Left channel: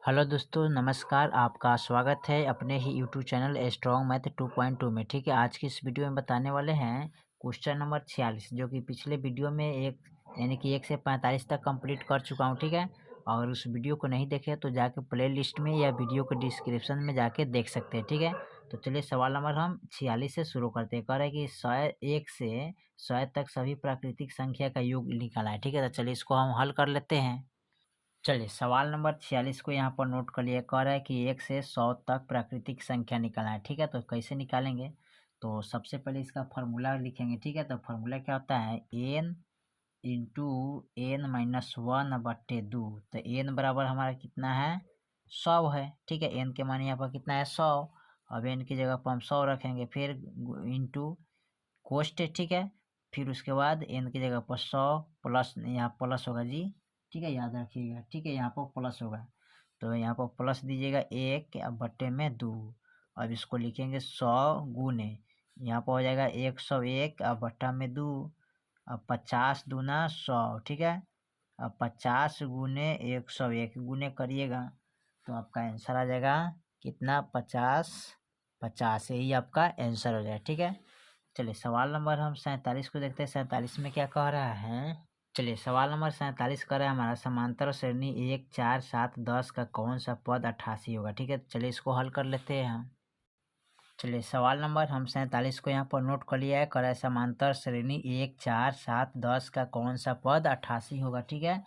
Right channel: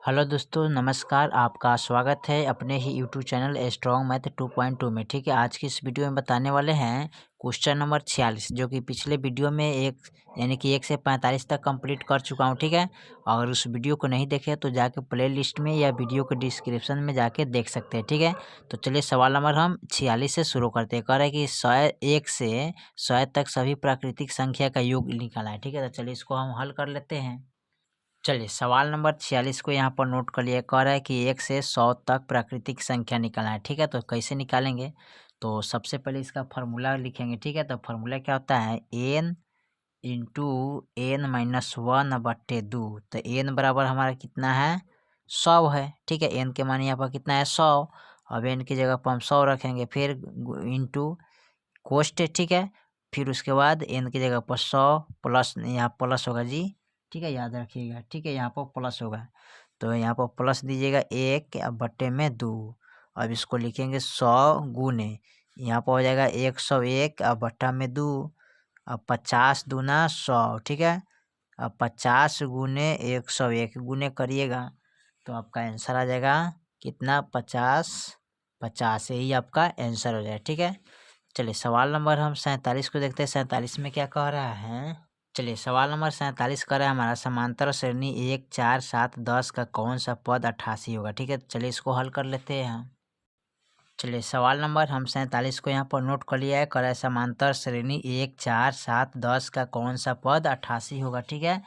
Hello दोस्तों, नमस्कार। आपका स्वागत है अपने ही यूट्यूब चैनल स्ट्रॉन्ग मैथ 2.2 में। ठीक है, आज की इस वीडियो में बताने वाले हैं क्वेश्चन नंबर 46, जो कि पिछले वीडियो में यानी कि 1 से 45 तक कंप्लीट कर चुका हूं। ठीक है, अगर उस वीडियो को नहीं देखे तो जाके प्ले लिस्ट में या वीडियो के डिस्क्रिप्शन में जाके देख सकते हैं। ठीक है, तो चलिए सवाल नंबर हम 46 से शुरू करते हैं। कह रहा है कि 1 से 100 तक सभी प्राकृतिक संख्या का योग निकाला है। ठीक है, तो चलिए इसको हम हल कर लेते हैं। चलिए सवाल नंबर 46 को यहाँ पर नोट कर लिया। कह रहा है कि 1 से 100 तक प्राकृतिक संख्या निकालना है। ठीक है, तो कैसे निकालेंगे? तो सबसे पहले इसका फार्मूला लिखेंगे। ठीक है, तो फार्मूला क्या होता है? n into n minus one बट्टे दो। तो n बराबर हमारा कितना है? 100 है। ठीक है, n के मान यहाँ पर कितना है? 100। अब n की जगह पर हम 100 रखेंगे, फिर इंटू कोष्ट। ठीक है, फिर उसके बाद n की जगह पर 100 प्लस, यहाँ प्लस होगा जी। ठीक है, याद रखिएगा। ठीक है, यहाँ पर प्लस होगा, तो यहाँ पर प्लस दीजिएगा 1 अब बट्टे में 2। अब इसको लिखेंगे 100 गुने, यहाँ पर हो जाएगा 101 अब बट्टा में 2। अब 50 दूना 100। ठीक है, अब 50 गुने 101 गुने करिएगा तो आपका आंसर आ जाएगा कितना? 50। 50 यही आपका आंसर हो जाएगा। ठीक है, चलिए सवाल नंबर हम 47 को देखते हैं। 47 में क्या कह रहा है? चलिए सवाल नंबर 47 कह रहा है हमारा, समांतर श्रेणी 1, 4, 7, 10 का कौन सा पद 88 होगा। ठीक है, चलिए इसको हल कर लेते हैं हम। चलिए सवाल नंबर हम 47 को यहाँ पर नोट कर लिया है। कह रहा है समांतर श्रेणी 1, 4, 7, 10 का कौन सा पद 88 होगा। ठीक है,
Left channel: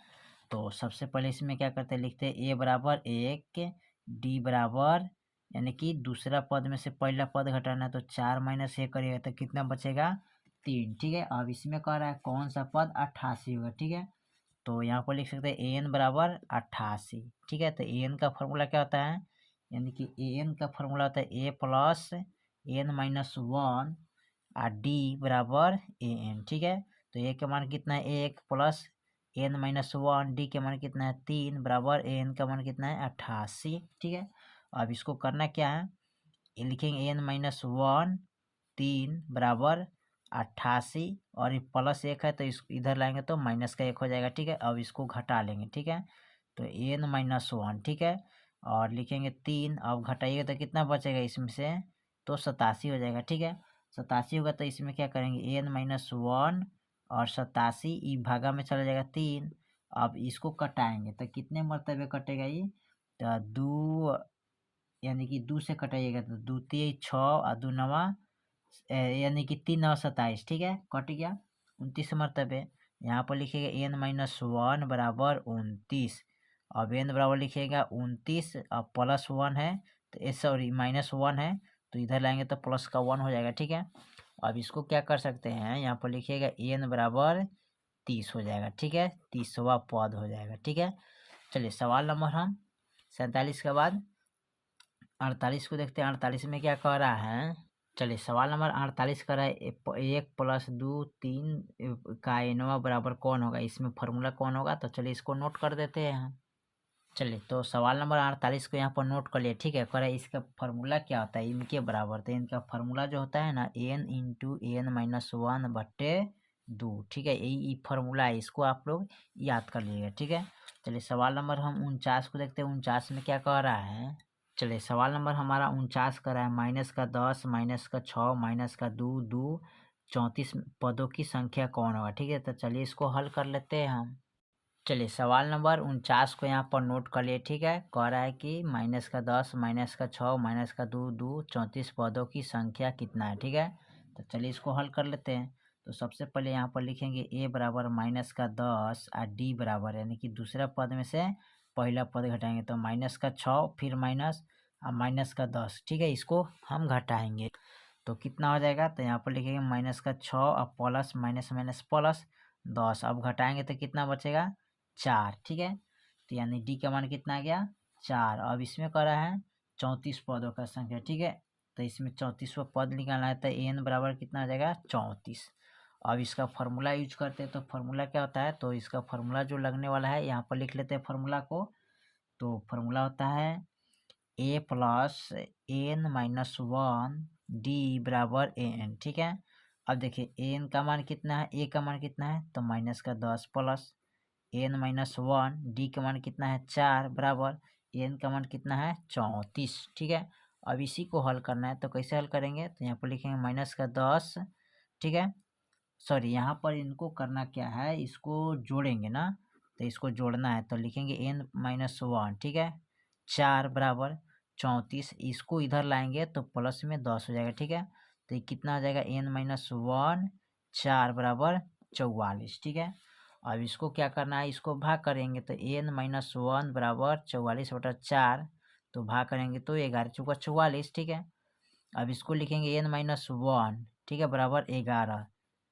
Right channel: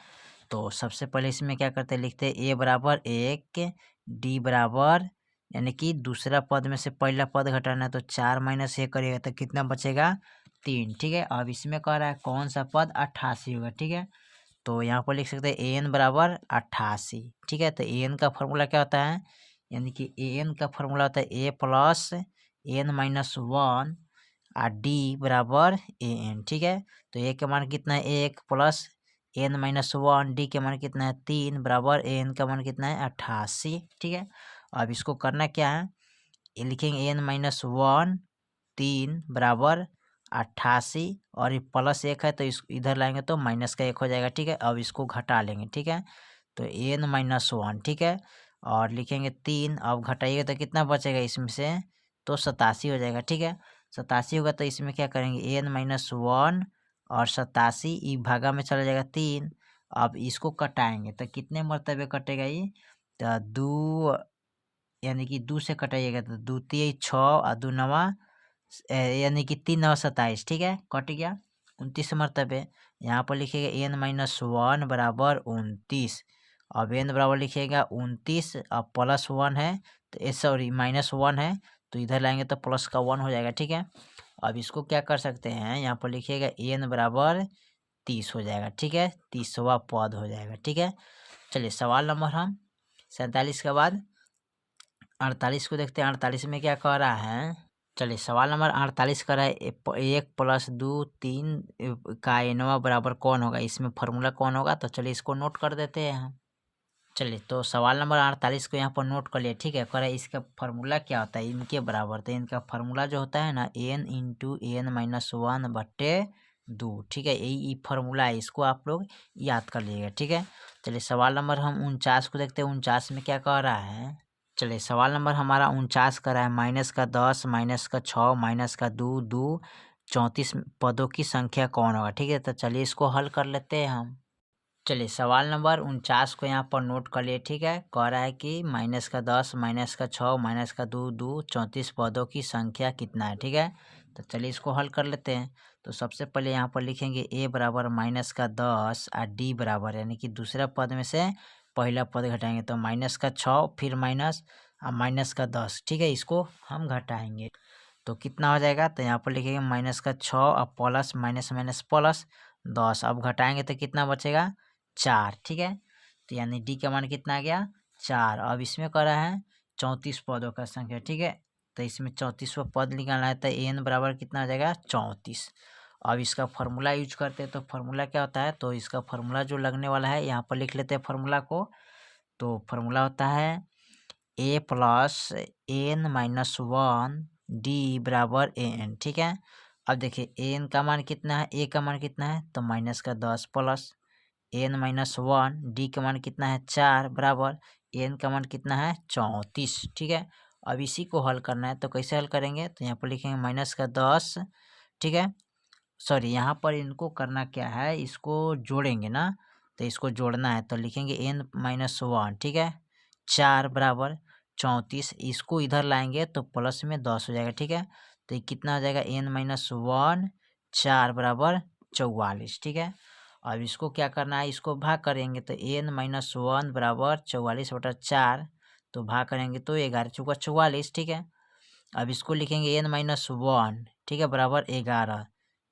तो सबसे पहले इसमें क्या करते हैं? लिखते हैं a बराबर 1, d बराबर, यानी कि दूसरा पद में से पहला पद घटाना है तो 4 माइनस 1 करिएगा तो कितना बचेगा? 3। ठीक है, अब इसमें कह रहा है कौन सा पद 88 होगा। ठीक है, तो यहाँ पर लिख सकते हैं an बराबर 88। ठीक है, तो an का फॉर्मूला क्या होता है? यानी कि an का फॉर्मूला होता है a plus n minus one और d बराबर an। ठीक है, तो a के मान कितना है? 1 plus n minus one, D के मान कितना है? 3 बराबर an का मान कितना है? 88। ठीक है, अब इसको करना क्या है? ये लिखेंगे n माइनस वन 3 बराबर 88, और ये प्लस 1 है तो इस इधर लाएंगे तो माइनस का 1 हो जाएगा। ठीक है, अब इसको घटा लेंगे। ठीक है, तो n माइनस वन। ठीक है, और लिखेंगे 3, अब घटाइएगा तो कितना बचेगा इसमें से? तो 87 हो जाएगा। ठीक है, 87 होगा तो इसमें क्या करेंगे? n माइनस वन और 87 ई भागा में चला जाएगा 3। अब इसको कटाएंगे तो कितने मरतबे कटेगा ये? तो 2, यानी कि 2 से कटाइएगा तो 2 3 6 और 2 नवा, यानी कि 3 नवा 27। ठीक है, कट गया 29 मरतबे। यहाँ पर लिखिएगा n माइनस वन बराबर 29। अब n बराबर लिखिएगा 29, अब प्लस 1 है तो सॉरी माइनस 1 है तो इधर लाएंगे तो प्लस का 1 हो जाएगा। ठीक है, अब इसको क्या कर सकते हैं? यहाँ पर लिखिएगा n बराबर 30 हो जाएगा। ठीक है, 30वां पद हो जाएगा। ठीक है, चलिए सवाल नंबर हम 47 के बाद 48 को देखते हैं। 48 में क्या कह रहा है? चलिए सवाल नंबर 48 कर रहा है 1 प्लस 2 3 का एनवा बराबर कौन होगा? इसमें फार्मूला कौन होगा? तो चलिए इसको नोट कर देते हैं हम। चलिए तो सवाल नंबर 48 को यहाँ पर नोट कर लिया। ठीक है, कह रहा है इसका फार्मूला क्या होता है? इनके बराबर। तो इनका फार्मूला जो होता है ना, n into n minus one बट्टे 2। ठीक है, यही फार्मूला है, इसको आप लोग याद कर लीजिएगा। ठीक है, चलिए सवाल नंबर हम 49 को देखते हैं। 49 में क्या कह रहा है? चलिए सवाल नंबर हमारा 49 का रहा है, माइनस का 10, माइनस का 6, माइनस का 2, 2 34 पदों की संख्या कौन होगा? ठीक है, तो चलिए इसको हल कर लेते हैं हम। चलिए सवाल नंबर 49 को यहाँ पर नोट कर लिए। ठीक है, कह रहा है कि माइनस का 10, माइनस का 6, माइनस का 2, 2 34 पदों की संख्या कितना है? ठीक है, तो चलिए इसको हल कर लेते हैं। तो सबसे पहले यहाँ पर लिखेंगे a बराबर माइनस का 10 और d बराबर, यानी कि दूसरा पद में से पहला पद घटाएंगे तो माइनस का 6 फिर माइनस और माइनस का 10। ठीक है, इसको हम घटाएंगे तो कितना हो जाएगा? तो यहाँ पर लिखेंगे माइनस का 6 और प्लस माइनस माइनस प्लस 10। अब घटाएंगे तो कितना बचेगा? 4। ठीक है, तो यानी डी का मान कितना आ गया? 4। अब इसमें कह रहा है 34 पदों का संख्या। ठीक है, तो इसमें 34वां पद निकालना है तो n बराबर कितना आ जाएगा? 34। अब इसका फार्मूला यूज करते हैं तो फार्मूला क्या होता है? तो इसका फार्मूला जो लगने वाला है यहाँ पर लिख लेते हैं फार्मूला को। तो फार्मूला होता है a plus n minus one d बराबर an। ठीक है, अब देखिए an का मान कितना है? a का मान कितना है? तो माइनस का 10 plus n minus one, D का मान कितना है? 4 बराबर एन का मान कितना है 34, ठीक है। अब इसी को हल करना है तो कैसे हल करेंगे, तो यहाँ पर लिखेंगे -10, ठीक है। सॉरी, यहाँ पर इनको करना क्या है, इसको जोड़ेंगे ना, तो इसको जोड़ना है तो लिखेंगे n-1, ठीक है। 4 बराबर 34, इसको इधर लाएंगे तो प्लस में 10 हो जाएगा, ठीक है। तो ये कितना हो जाएगा n-1, 4 बराबर 44, ठीक है। अब इसको क्या करना है, इसको भाग करेंगे तो n-1 बराबर 44/4, तो भाग करेंगे तो 11 चौका 44, ठीक है। अब इसको लिखेंगे n-1, ठीक है, बराबर 11,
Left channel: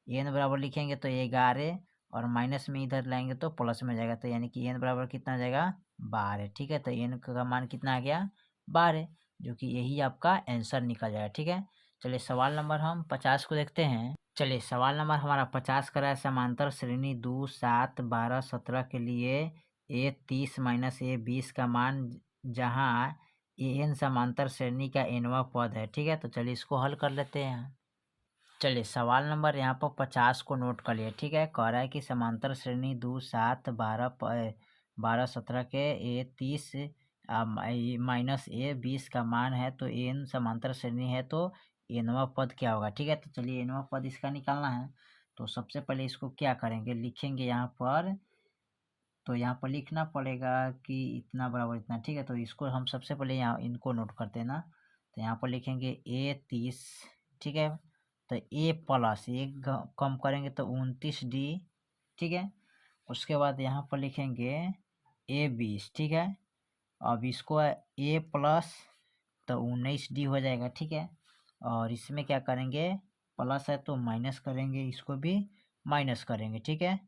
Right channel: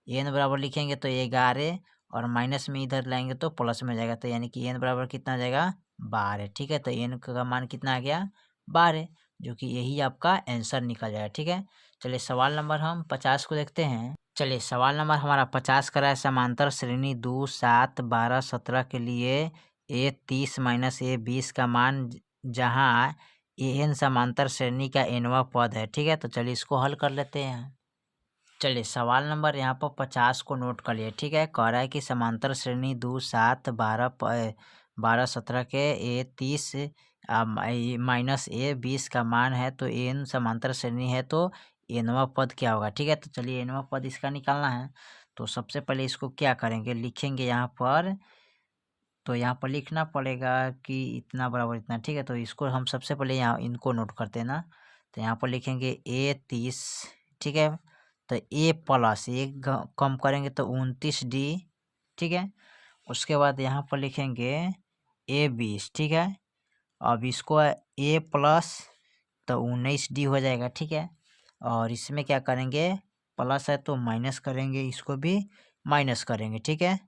एन बराबर लिखेंगे तो 11 और माइनस में इधर लाएंगे तो प्लस में जाएगा, तो यानी कि एन बराबर कितना आ जाएगा 12, ठीक है। तो एन का मान कितना आ गया 12, जो कि यही आपका आंसर निकल जाएगा, ठीक है। चलिए सवाल नंबर हम 50 को देखते हैं। चलिए सवाल नंबर हमारा 50 का है, समांतर श्रेणी 2, 7, 12, 17 के लिए ए 30 माइनस ए 20 का मान जहाँ ए एन समांतर श्रेणी का एनवा पद है, ठीक है। तो चलिए इसको हल कर लेते हैं। चलिए सवाल नंबर यहाँ पर 50 को नोट कर लिए, ठीक है। कह रहा है कि समांतर श्रेणी 2, 7, 12, 17 के ए 30 माइनस ए 20 का मान है, तो एन समांतर श्रेणी है तो एनवा पद क्या होगा, ठीक है। तो चलिए एनवा पद इसका निकालना है, तो सबसे पहले इसको क्या करेंगे, लिखेंगे यहाँ पर, तो यहाँ पर लिखना पड़ेगा कि इतना बराबर इतना, ठीक है। तो इसको हम सबसे पहले यहाँ इनको नोट करते हैं ना, तो यहाँ पर लिखेंगे ए 30, ठीक है। तो ए प्लस एक कम करेंगे तो 29D, ठीक है। उसके बाद यहाँ पर लिखेंगे ए 20, ठीक है। अब इसको ए प्लस तो 19D हो जाएगा, ठीक है। और इसमें क्या करेंगे, प्लस है तो माइनस करेंगे, इसको भी माइनस करेंगे, ठीक है।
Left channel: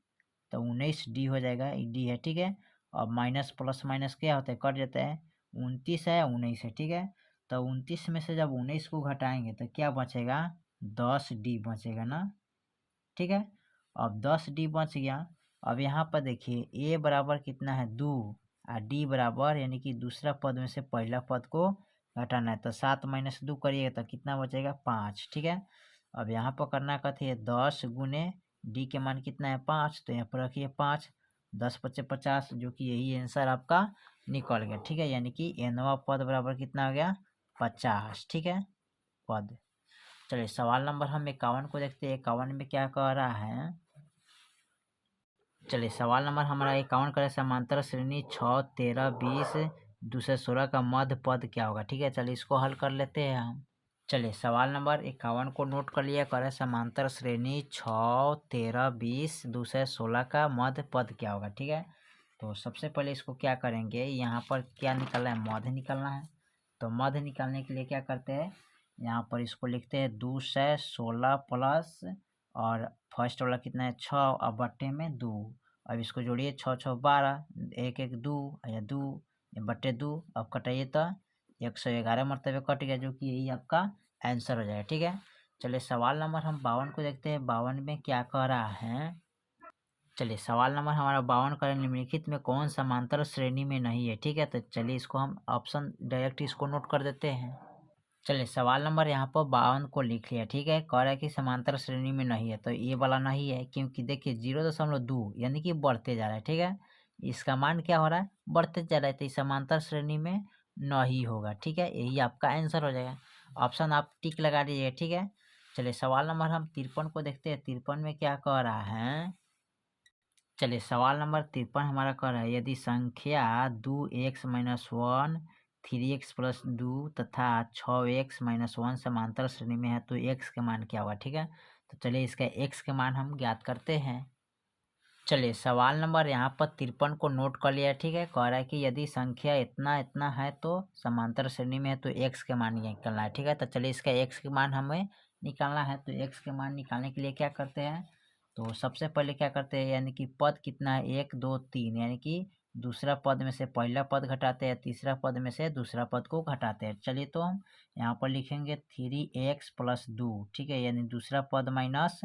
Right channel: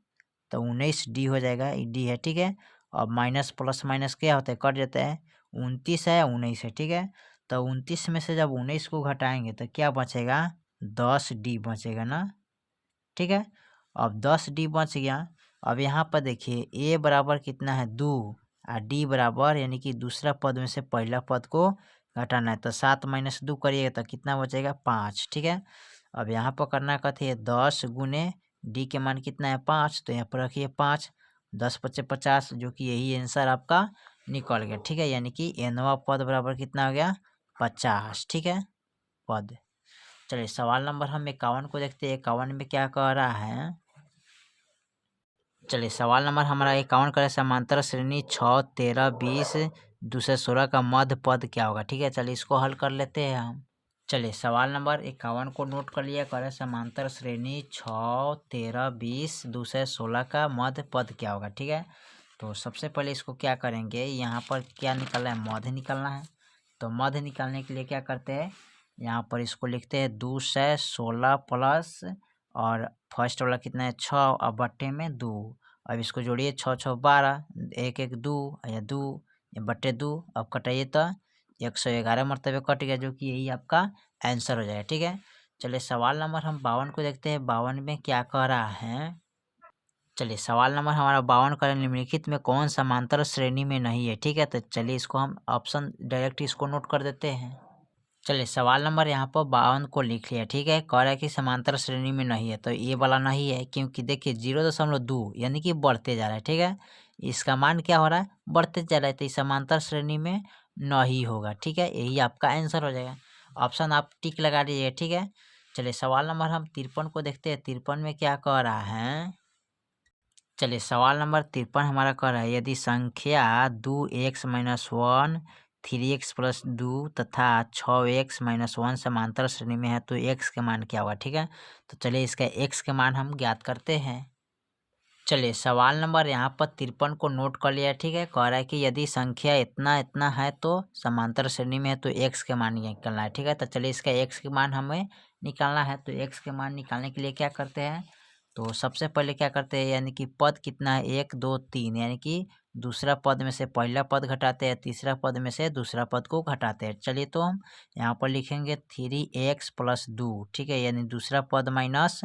तो 19D हो जाएगा, डी है, ठीक है। अब माइनस प्लस माइनस क्या होता है, कट जाता है, 29 है 19 है, ठीक है। तो 29 में से जब 19 को घटाएंगे तो क्या बचेगा, 10D बचेगा ना, ठीक है। अब 10D बच गया। अब यहाँ पर देखिए ए बराबर कितना है 2 और डी बराबर यानी कि दूसरा पद में से पहला पद को घटाना है, तो 7 माइनस 2 करिएगा तो कितना बचेगा 5, ठीक है। अब यहाँ पर करना कहते हैं 10 गुने डी के मान कितना है 5, तो यहाँ पर रखिए 5, 10 पच्चे 50, जो कि यही आंसर आपका निकल गया, ठीक है। यानी कि एनवा पद बराबर कितना हो गया 50, ठीक है, पद। चलिए सवाल नंबर हम 51 को देखते हैं। 51 में क्या कह रहा है, चलिए सवाल नंबर हमारा 51 का है, समांतर श्रेणी 6, 13, 20, 2 से 16 का मध्य पद क्या होगा, ठीक है। चलिए इसको हल कर लेते हैं हम। चलिए सवाल नंबर 51 को नोट कर लिया, कह रहे समांतर श्रेणी 6, 13, 20, 2 से 16 का मध्य पद क्या होगा, ठीक है। तो सबसे पहले इसको क्या करेंगे, यहाँ पर क्या निकालना है, मध्य निकालना है। तो मध्य निकालने के लिए क्या करते हैं, यहाँ पर इसको लिखते हैं 2 से 16 प्लस और फर्स्ट वाला कितना है 6 और बट्टे में 2। अब इसको जोड़िए 6 6 12, 1 1 2 या 2 बट्टे 2, अब कटाइए तो 111 मरतबे कट गया, जो कि यही आपका आंसर हो जाएगा, ठीक है। चलिए सवाल नंबर हम 52 को देखते हैं। 52 में क्या कह रहा है, चलिए सवाल नंबर हमारा 52 का निम्नलिखित में कौन समांतर श्रेणी में नहीं है, ठीक है। तो चलिए इसको हम ऑप्शन डायरेक्ट इसको नोट कर देते हैं। चलिए सवाल नंबर यहाँ पर 52 को लिख लिया, ठीक है। कह रहा है कि समांतर श्रेणी में नहीं है, तो ये वाला नहीं है, क्योंकि देखिए 0.2 यानी कि बढ़ते जा रहा है, ठीक है। इसका मान क्या हो रहा है, बढ़ते जा रहा है, तो इस समांतर श्रेणी में नहीं होगा, ठीक है। यही आपका आंसर हो जाएगा, ऑप्शन आप टिक लगा दीजिए, ठीक है। चलिए सवाल नंबर हम 53 को देखते हैं। 53 में क्या कह रहा है, चलिए सवाल नंबर 53 हमारा कह रहा है, यदि संख्या 2x-1, 3x+2 तथा 6x-1 समांतर श्रेणी में है तो x के मान क्या होगा, ठीक है। तो चलिए इसका x के मान हम ज्ञात करते हैं। चलिए सवाल नंबर यहाँ पर 53 को नोट कर लिया, ठीक है। कह रहा है कि यदि संख्या इतना इतना है तो समांतर श्रेणी में है तो x के मान निकालना है, ठीक है। तो चलिए इसका x के मान हमें निकालना है, तो x के मान निकालने के लिए क्या करते हैं, तो सबसे पहले क्या करते हैं, यानी कि पद कितना है 1 2 3, यानी कि दूसरा पद में से पहला पद घटाते हैं, तीसरा पद में से दूसरा पद को घटाते हैं। चलिए तो हम यहाँ पर लिखेंगे 3x+2, ठीक है, यानी दूसरा पद माइनस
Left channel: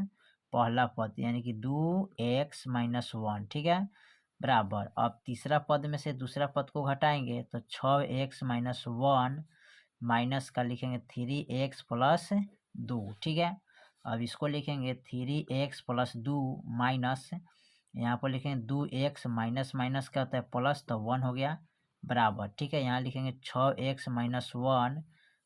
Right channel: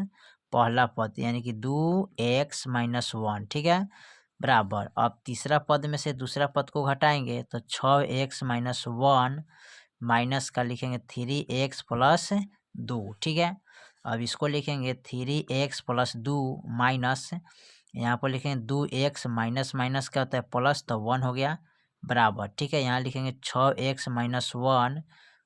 पहला पद यानी कि 2x-1, ठीक है, बराबर। अब तीसरा पद में से दूसरा पद को घटाएंगे तो 6x-1 माइनस का लिखेंगे 3x+2, ठीक है। अब इसको लिखेंगे 3x+2 माइनस, यहाँ पर लिखेंगे 2x माइनस माइनस क्या होता है प्लस, तो 1 हो गया, बराबर, ठीक है। यहाँ लिखेंगे 6x-1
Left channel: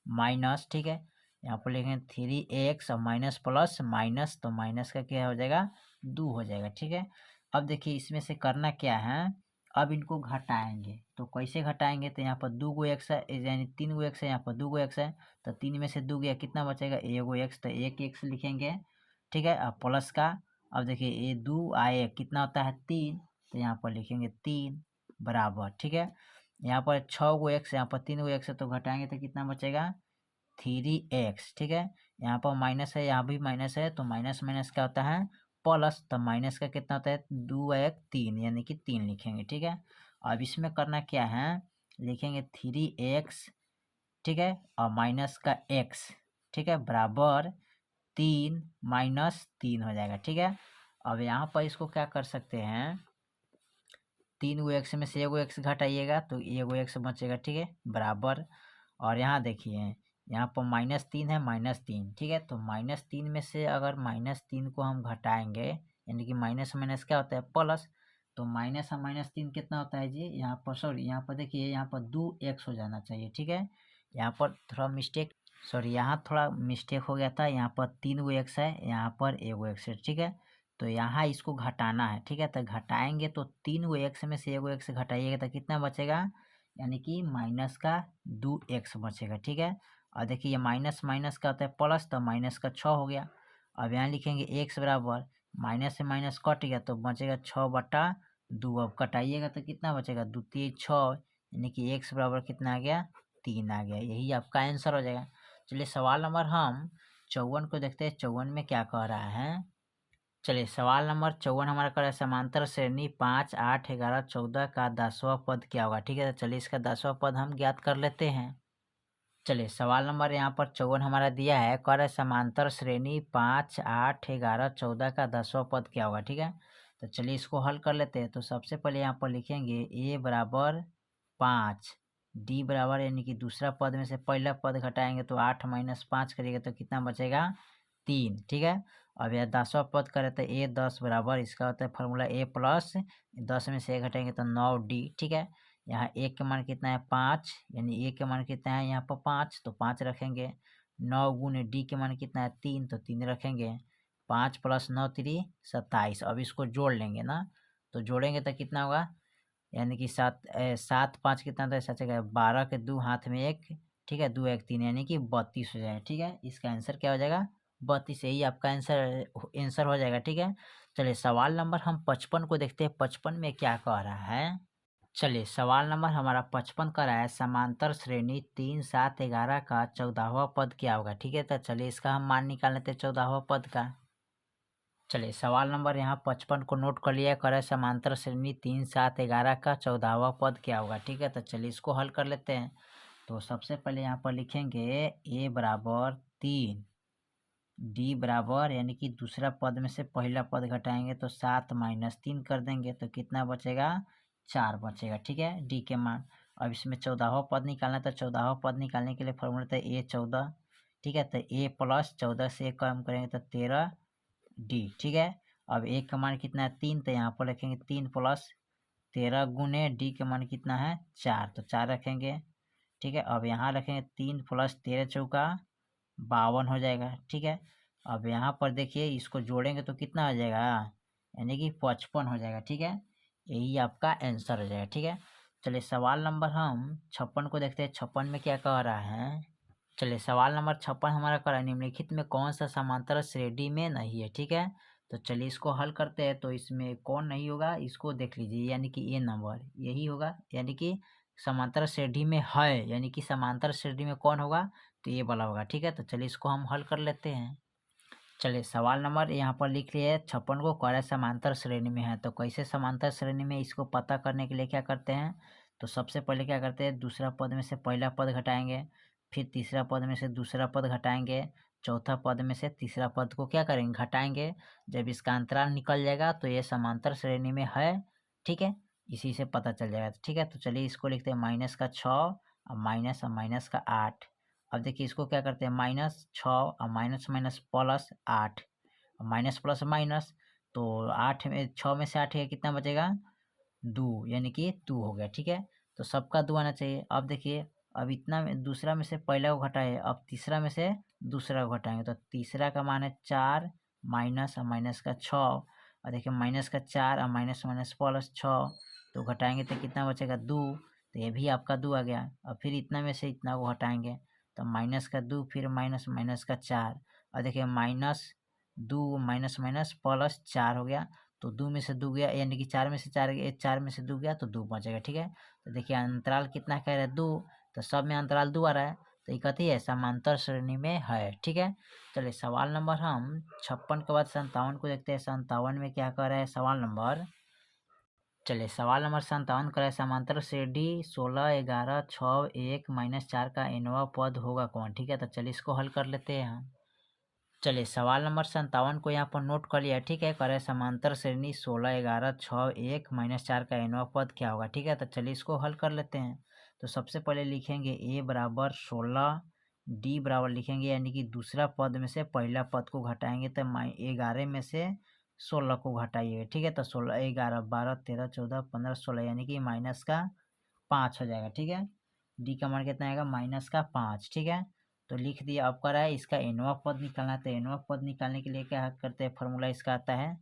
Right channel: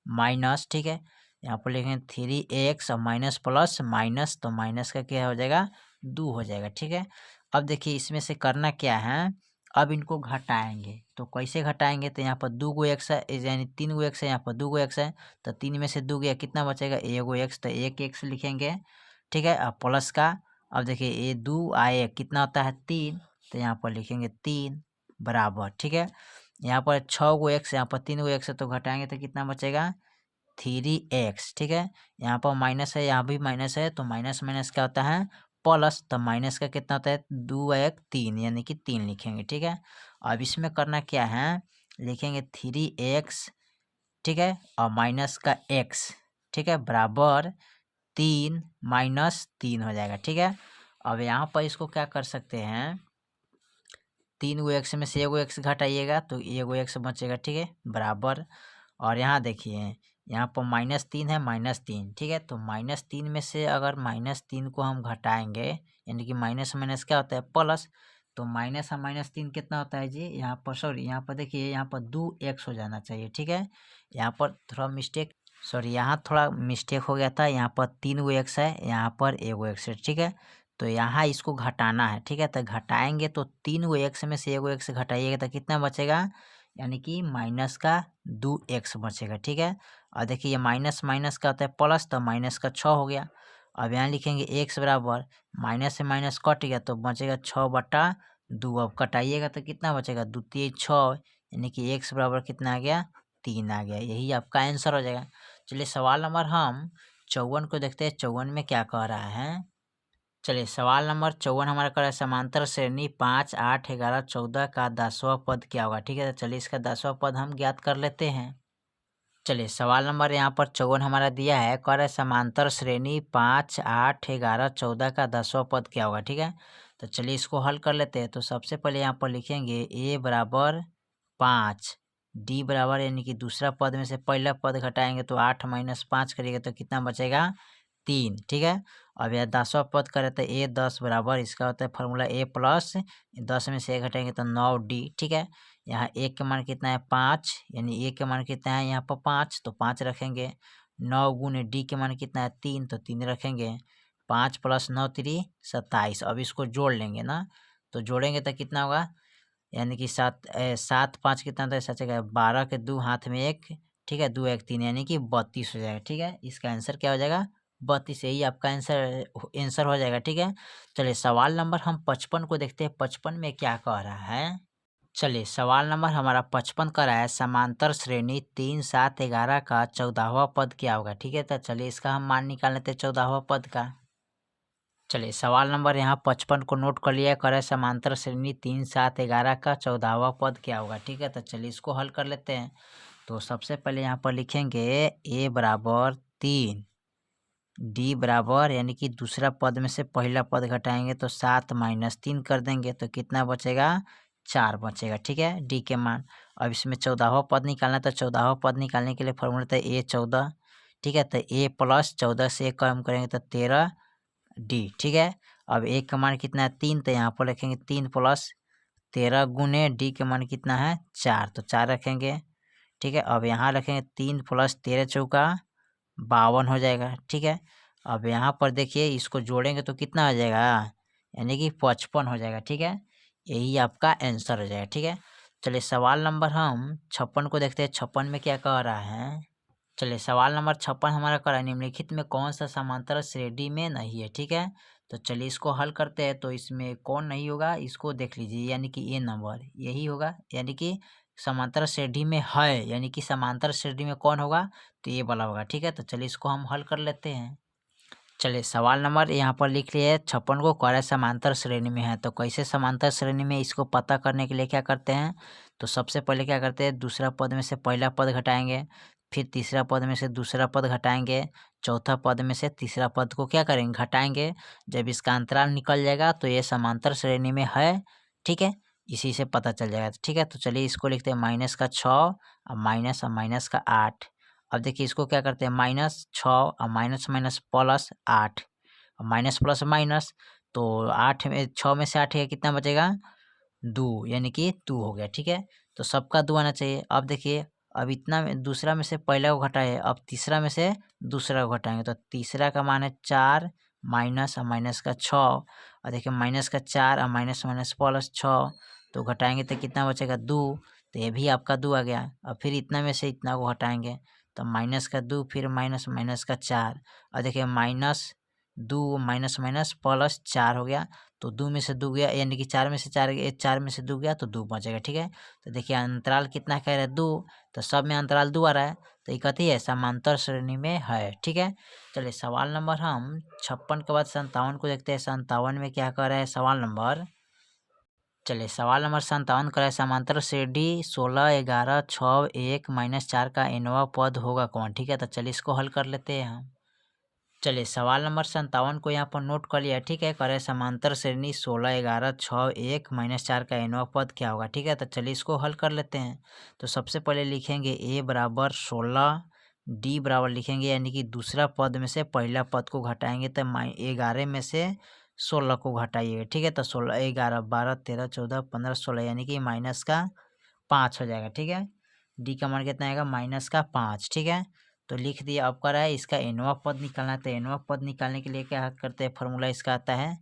माइनस, ठीक है। यहाँ पर लिखेंगे 3x और माइनस प्लस माइनस, तो माइनस का क्या हो जाएगा 2 हो जाएगा, ठीक है। अब देखिए इसमें से करना क्या है, अब इनको घटाएंगे। तो कैसे घटाएंगे, तो यहाँ पर 2 गो एक्स है, यानी 3 गो एक्स है, यहाँ पर 2 गो एक्स है, तो 3 में से 2 गया कितना बचेगा, 1 गो एक्स, तो 1 एक्स लिखेंगे, ठीक है। अब प्लस का, अब देखिए ये 2 आए कितना होता है 3, तो यहाँ पर लिखेंगे 3 बराबर, ठीक है। यहाँ पर 6 गो एक्स, यहाँ पर 3 गो एक्स है, तो घटाएंगे तो कितना बचेगा 3x, ठीक है। यहाँ पर माइनस है, यहाँ भी माइनस है, तो माइनस माइनस क्या होता है प्लस, तो माइनस का कितना होता है 2 1 3, यानी कि 3 लिखेंगे, ठीक है। अब इसमें करना क्या है, लिखेंगे 3x, ठीक है, और माइनस का x, ठीक है, बराबर 3 माइनस 3 हो जाएगा, ठीक है। अब यहाँ पर इसको क्या कर सकते हैं, 3 गो एक्स में से 1 गो एक्स घटाइएगा तो 1 गो एक्स बचेगा, ठीक है, बराबर। और यहाँ देखिए यहाँ पर -3 है, -3, ठीक है। तो -3 में से अगर -3 को हम घटाएंगे, यानी कि माइनस माइनस क्या होता है प्लस, तो माइनस और -3 कितना होता है जी, यहाँ पर सॉरी, यहाँ पर देखिए यहाँ पर 2x हो जाना चाहिए, ठीक है। यहाँ पर थोड़ा मिस्टेक, सॉरी यहाँ थोड़ा मिस्टेक हो गया था, यहाँ पर 3 गो एक्स है, यहाँ पर 1 गो एक्स है, ठीक है। तो यहाँ इसको घटाना है, ठीक है। तो घटाएंगे तो 3 गो एक्स में से 1 गो एक्स घटाइएगा तो कितना बचेगा, यानी कि माइनस का 2x बचेगा, ठीक है। और देखिए ये माइनस माइनस का होता है प्लस, तो माइनस का 6 हो गया। अब यहाँ लिखेंगे x बराबर, माइनस से माइनस कट गया तो बचेगा 6/2। अब कटाइएगा तो कितना बचेगा 2 3 6, यानी कि x बराबर कितना आ गया 3 आ गया, यही आपका आंसर हो जाएगा। चलिए सवाल नंबर हम 54 को देखते हैं, 54 में क्या कह रहा है। चलिए सवाल नंबर 54 हमारा कर रहा है, समांतर श्रेणी 5 8 11 14 का 10वां पद क्या होगा, ठीक है। तो चलिए इसका 10वां पद हम ज्ञात कर लेते हैं। चलिए सवाल नंबर यहाँ पर 54 हमारा दिया है, कह रहा है समांतर श्रेणी 5 8 11 14 का 10वां पद क्या होगा, ठीक है। तो चलिए इसको हल कर लेते हैं। तो सबसे पहले यहाँ पर लिखेंगे a बराबर 5, d बराबर, यानी कि दूसरा पद में से पहला पद घटाएंगे तो 8 - 5 करिएगा तो कितना बचेगा 3, ठीक है। अब यह 10वां पद करे तो a 10 बराबर, इसका होता है फार्मूला a प्लस 10 में से 1 घटाएंगे तो 9d, ठीक है। यहाँ एक के मान कितना है 5, यानी एक के मान कितना है यहाँ पर 5, तो 5 रखेंगे। 9 गुने डी के मान कितना है 3, तो 3 रखेंगे। 5 + 9 3 27। अब इसको जोड़ लेंगे ना, तो जोड़ेंगे तो कितना होगा, यानी कि 7 5 कितना होता है सच है 12 के 2 हाथ में 1, ठीक है, 2 1 3, यानी कि 32 हो जाएगा, ठीक है। इसका आंसर क्या हो जाएगा 32, यही आपका आंसर हो जाएगा, ठीक है। चलिए सवाल नंबर हम 55 को देखते हैं, 55 में क्या कह रहा है। चलिए सवाल नंबर हमारा 55 का रहा है, समांतर श्रेणी 3 7 11 का 14वां पद क्या होगा, ठीक है। तो चलिए इसका हम मान निकाल लेते हैं 14वां पद का। चलिए सवाल नंबर यहाँ 55 को नोट कर लिया, करे समांतर श्रेणी 3 7 11 का 14वां पद क्या होगा, ठीक है। तो चलिए इसको हल कर लेते हैं। तो सबसे पहले यहाँ पर लिखेंगे a बराबर 3, डी बराबर, यानी कि दूसरा पद में से पहला पद घटाएंगे तो 7 - 3 कर देंगे तो कितना बचेगा 4 बचेगा, ठीक है, डी के मान। अब इसमें 14वां पद निकालना, तो 14वां पद निकालने के लिए फॉर्मूला था a 14, ठीक है। तो a प्लस 14 से कम करेंगे तो 13 डी, ठीक है। अब a का मान कितना है 3, तो यहाँ पर रखेंगे 3 + 13 गुने डी के मान कितना है 4, तो 4 रखेंगे, ठीक है। अब यहाँ रखेंगे 3 + 13 चौका 52 हो जाएगा, ठीक है। अब यहाँ पर देखिए इसको जोड़ेंगे तो कितना आ जाएगा, यानी कि 55 हो जाएगा, ठीक है। यही आपका आंसर हो जाएगा, ठीक है। चलिए सवाल नंबर हम 56 को देखते हैं, 56 में क्या कह रहा है। चलिए सवाल नंबर 56 हमारा कह रहा है, निम्नलिखित में कौन सा समांतर श्रेणी में नहीं है, ठीक है। तो चलिए इसको हल करते हैं। तो इसमें कौन नहीं होगा इसको देख लीजिए, यानी कि ये नंबर यही होगा, यानी कि समांतर श्रेणी में है, यानी कि समांतर श्रेणी में कौन होगा, तो ये वाला होगा, ठीक है। तो चलिए इसको हम हल कर लेते हैं। चलिए सवाल नंबर यहाँ पर लिख लिए 56 को, कह रहा है समांतर श्रेणी में है। तो कैसे समांतर श्रेणी में, इसको पता करने के लिए क्या करते हैं, तो सबसे पहले क्या करते हैं, दूसरा पद में से पहला पद घटाएंगे, फिर तीसरा पद में से दूसरा पद घटाएंगे, चौथा पद में से तीसरा पद को क्या करेंगे घटाएंगे। जब इसका अंतराल निकल जाएगा तो ये समांतर श्रेणी में है, ठीक है, इसी से पता चल जाएगा, ठीक है। तो चलिए इसको लिखते हैं -6 और माइनस का 8। अब देखिए इसको क्या करते हैं -6 और minus minus plus 8, minus plus minus, तो 8 में 6 में से 8 है कितना बचेगा 2, यानी कि 2 हो गया, ठीक है। तो सबका 2 आना चाहिए। अब देखिए, अब इतना में दूसरा में से पहला को घटाए, अब तीसरा में से दूसरा को घटाएँगे, तो तीसरा का मान है 4 माइनस और माइनस का 6 और देखिए माइनस का 4 और माइनस माइनस प्लस 6 तो घटाएँगे तो कितना बचेगा 2, तो ये भी आपका 2 आ गया। अब फिर इतना में से इतना को हटाएँगे, तो माइनस का 2 फिर माइनस माइनस का 4 और देखिए माइनस 2 माइनस माइनस प्लस 4 हो गया, तो 2 में से 2 गया यानी कि 4 में से 4 गया, 4 में से 2 गया तो 2 बचेगा, ठीक है। तो देखिए अंतराल कितना कह रहा है 2, तो सब में अंतराल 2 आ रहा है, तो ये कथी है समांतर श्रेणी में है, ठीक है। चलिए सवाल नंबर हम 56 के बाद 57 को देखते हैं। 57 में क्या कह रहा है सवाल नंबर, चलिए सवाल नंबर 57 कह रहा है समांतर श्रेणी 16 11 6 1 माइनस 4 का nवां पद होगा कौन, ठीक है। तो चलिए इसको हल कर लेते हैं हम। चलिए सवाल नंबर 57 को यहाँ पर नोट कर लिया, ठीक है। करे समांतर श्रेणी 16 11 6 1 माइनस 4 का nवां पद क्या होगा, ठीक है। तो चलिए इसको हल कर लेते हैं। तो सबसे पहले लिखेंगे a बराबर 16, d बराबर लिखेंगे यानी कि दूसरा पद में से पहला पद को घटाएंगे, तो 11 में से 16 को घटाइएगा, ठीक है। तो 16 11 12 13 14 15 16 यानी कि माइनस का 5 हो जाएगा, ठीक है। डी का मान कितना आएगा माइनस का 5, ठीक है। तो लिख दिया। अब करा है इसका nवां पद निकालना है, तो nवां पद निकालने के लिए क्या करते हैं, फॉर्मूला इसका आता है,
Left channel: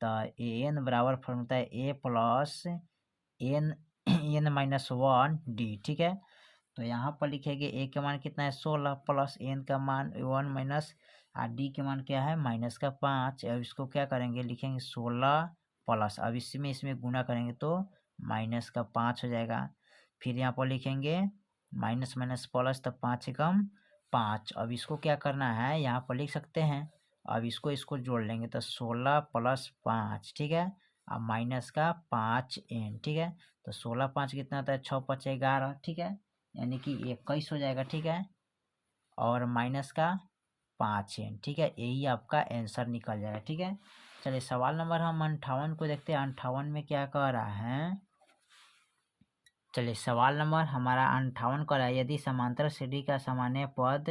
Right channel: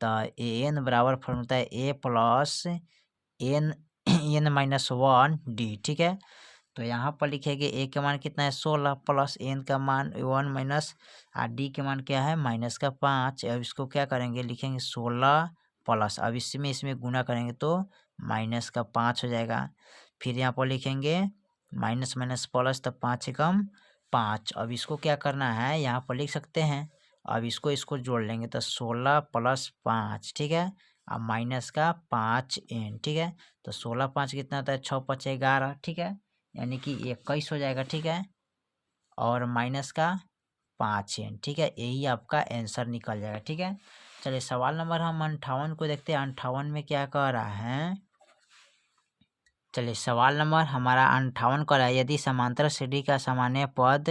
तो ए एन बराबर फॉर्मूला है A plus N N minus 1 D, ठीक है। तो यहाँ पर लिखेंगे ए का मान कितना है 16 प्लस एन का मान 1 माइनस और डी के मान क्या है माइनस का 5। अब इसको क्या करेंगे लिखेंगे 16 प्लस, अब इसमें गुना करेंगे तो माइनस का 5 हो जाएगा। फिर यहाँ पर लिखेंगे माइनस माइनस प्लस, तो 5 एकम 5। अब इसको क्या करना है यहाँ पर लिख सकते हैं, अब इसको इसको जोड़ लेंगे तो 16 प्लस 5, ठीक है, अब माइनस का 5 एन, ठीक है। तो 16 5 कितना होता है 6 5 11, ठीक है, यानी कि 21 हो जाएगा, ठीक है, और माइनस का 5 एन, ठीक है, यही आपका आंसर निकल जाएगा, ठीक है। चलिए सवाल नंबर हम 58 को देखते हैं। 58 में क्या कह रहा है, चलिए सवाल नंबर हमारा 58 का है, यदि समांतर श्रेणी का सामान्य पद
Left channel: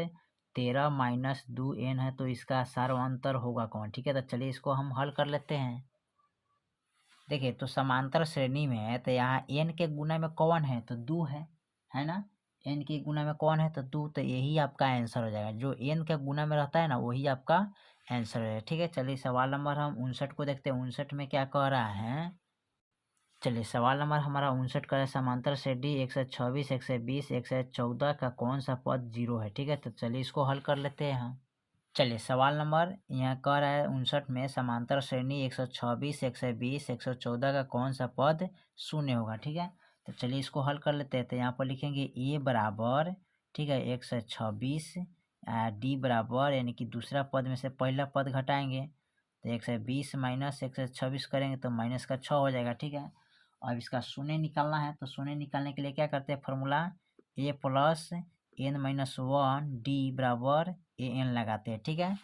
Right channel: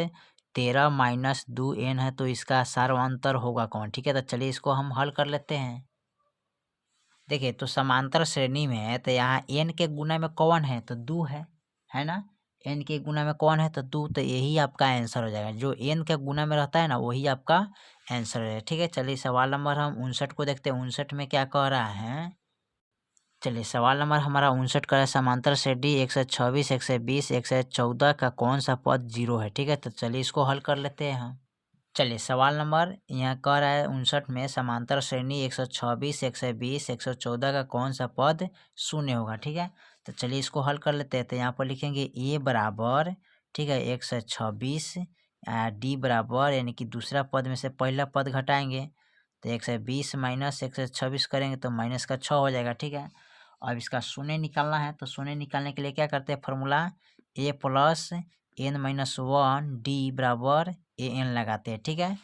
13 माइनस 2 एन है तो इसका सार्वंतर होगा कौन, ठीक है। तो चलिए इसको हम हल कर लेते हैं। देखिए तो समांतर श्रेणी में है तो यहाँ एन के गुना में कौन है तो 2 है ना, एन के गुना में कौन है तो 2, तो यही आपका आंसर हो जाएगा। जो एन के गुना में रहता है ना वही आपका आंसर हो जाएगा, ठीक है। चलिए सवाल नंबर हम 59 को देखते हैं। 59 में क्या कह रहा है, चलिए सवाल नंबर हमारा 59 का है समांतर श्रेणी 126 120 114 का कौन सा पद 0 है, ठीक है। तो चलिए इसको हल कर लेते हैं हम। चलिए सवाल नंबर यहाँ कह रहा है 59 में समांतर श्रेणी 126 120 114 का कौन सा पद शून्य होगा, ठीक है। तो चलिए इसको हल कर लेते हैं। तो यहाँ पर लिखेंगे ए बराबर, ठीक है, 126, डी बराबर यानी कि दूसरा पद में से पहला पद घटाएंगे, तो 120 माइनस 126 करेंगे तो माइनस का 6 हो जाएगा, ठीक है। अब इसका शून्य निकालना है, तो शून्य निकालने के लिए क्या करते हैं फॉर्मूला ए प्लस एन माइनस 1 डी बराबर ए एन लगाते हैं, ठीक है।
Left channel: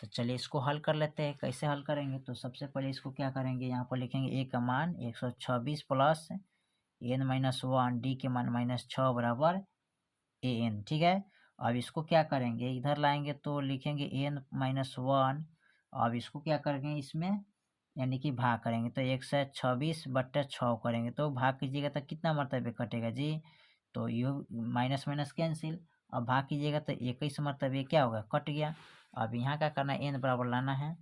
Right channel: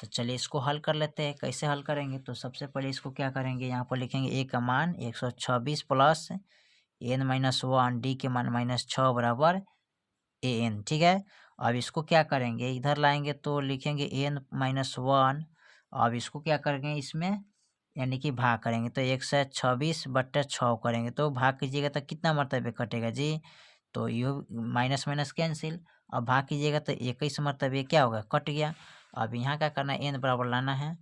तो चलिए इसको हल कर लेते हैं। कैसे हल करेंगे, तो सबसे पहले इसको क्या करेंगे यहाँ पर लिखेंगे ए का मान 126 प्लस एन माइनस 1 डी के मान माइनस 6 बराबर ए एन, ठीक है। अब इसको क्या करेंगे इधर लाएंगे तो लिखेंगे एन माइनस 1, अब इसको क्या करेंगे इसमें यानी कि भाग करेंगे, तो 126/6 करेंगे तो भाग कीजिएगा तो कितना मरतबे कटेगा जी, तो यू माइनस माइनस कैंसिल। अब भाग कीजिएगा तो 21 मरतबे क्या होगा कट गया। अब यहाँ क्या करना है एन बराबर लाना है,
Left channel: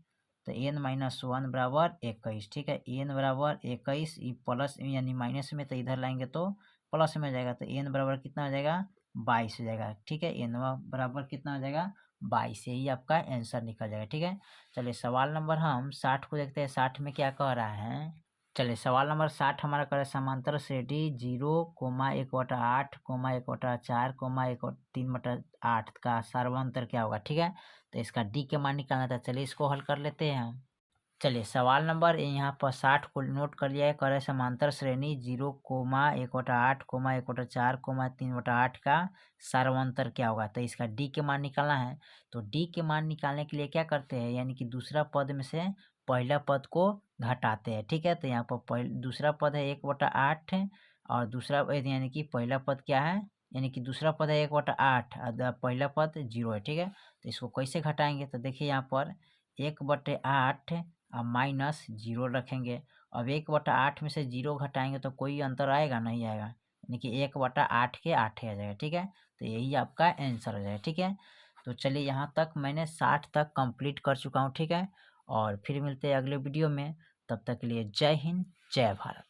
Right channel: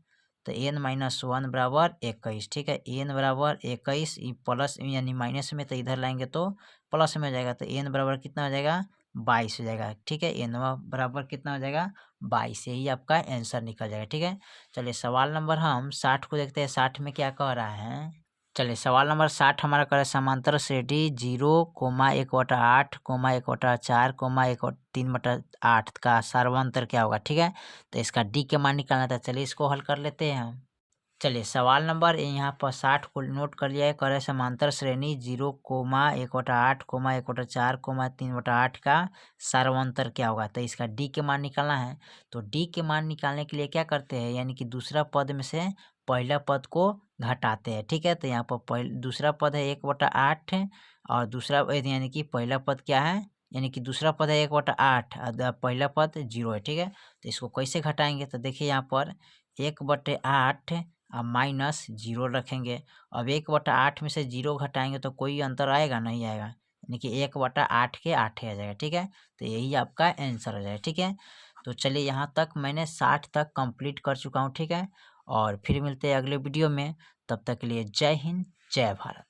तो एन माइनस 1 बराबर 21, ठीक है, एन बराबर 21 प्लस यानी माइनस में, तो इधर लाएंगे तो प्लस में हो जाएगा, तो एन बराबर कितना हो जाएगा 22 हो जाएगा, ठीक है। एन बराबर कितना हो जाएगा 22, यही आपका आंसर निकल जाएगा, ठीक है। चलिए सवाल नंबर हम 60 को देखते हैं। 60 में क्या कह रहा है, चलिए सवाल नंबर 60 हमारा कह रहा है समांतर श्रेणी 0,1/8, 1/4, 3/8 का सर्वांतर क्या होगा, ठीक है। तो इसका डी के मान निकालना था, चलिए इसको हल कर लेते हैं हम। चलिए सवाल नंबर यहाँ पर 60 को नोट कर लिया है, कह रहे समांतर श्रेणी 0,1/8, 1/4, 3/8 का सर्वांतर क्या होगा, तो इसका डी के मान निकालना है। तो डी के मान निकालने के लिए क्या करते हैं यानी कि दूसरा पद में से पहला पद को घटाते हैं, ठीक है। तो यहाँ पर दूसरा पद है 1/8 और दूसरा यानी कि पहला पद क्या है यानी कि दूसरा पद है 1/8 और पहला पद 0 है, ठीक है। तो इसको कैसे घटाएंगे, तो देखिए यहाँ पर 1/8 अब माइनस 0 रखेंगे। अब 1/8 में से 0 घटाएंगे तो कोई अंतर आएगा नहीं आएगा, यानी कि 1/8 के 8 आ जाएगा। ठीक है, तो यही आपका आंसर हो जाएगा। ठीक है, तो चलिए यहाँ तक मैंने 60 तक कंप्लीट कर चुका हूँ। ठीक है, और फिर मिलते हैं अगले वीडियो में। तब तक के लिए जय हिंद, जय भारत।